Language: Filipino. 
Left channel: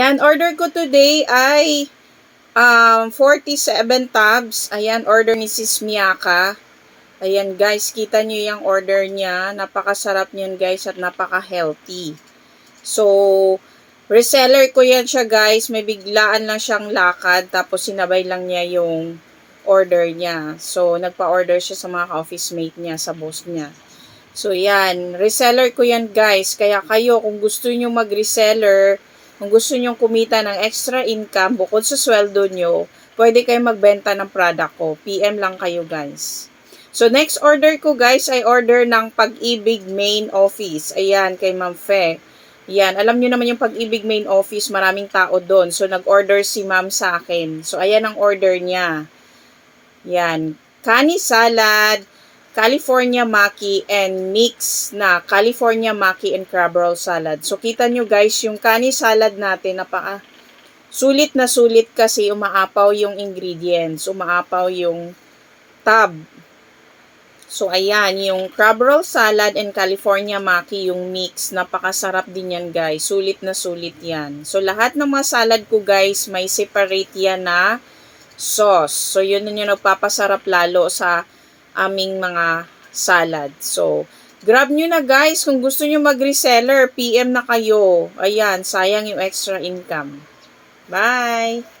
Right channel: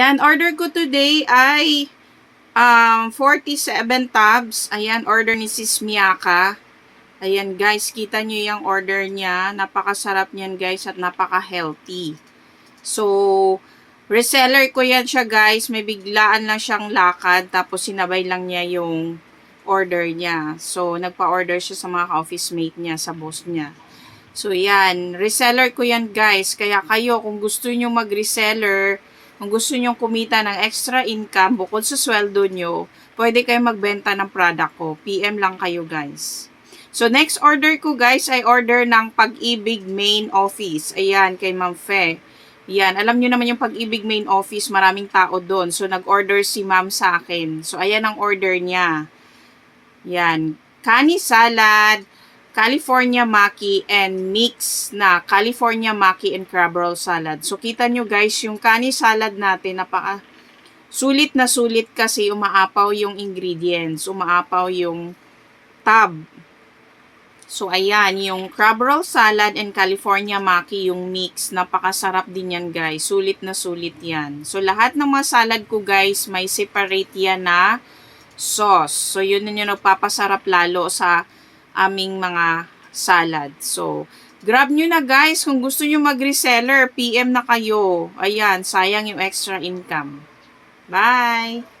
Ayan, order ko today ay um, 47 tabs. Ayan, order ni Sis Miyaka. Ayan guys, kita nyo yung order niya. Napakasarap niyan guys at napaka-healthy. So, reseller ko yan siya guys. May biglaan lang siyang lakad. Tapos sinabay lang niya yung order niya. So, nagpa-order siya sa mga ka-office mate niya, sa boss niya. So, yan. Reseller ko yan guys. Kaya kayo, kung gusto nyo mag-reseller, kung gusto nyo kumita ng extra income bukod sa sweldo nyo, pwede kayo magbenta ng product ko. PM lang kayo guys. So, next order ko guys ay order ng Pag-ibig Main Office. Ayan, kay Ma'am Fe. Yan, alam nyo naman yung Pag-ibig Main Office, maraming tao doon. So, nag-order si Ma'am sa akin. So, ayan ang order niya. Yan, kani salad, California maki, and mix na California maki and crab roll salad. So, kita nyo guys, yung kani salad natin, napaka sulit na sulit kasi umaapaw yung ingredients, umaapaw yung tab. So, ayan, yung crab roll salad and California maki, yung mix, napakasarap din yan guys. Sulit na sulit yan. So, lahat ng mga salad ko guys, may separate yan na sauce. So, yun na yung nagpapasarap lalo sa aming mga salad. So, grab nyo na guys. Kung gusto nyo mag-reseller, PM na kayo. Ayan, sayang yung extra income. Bye!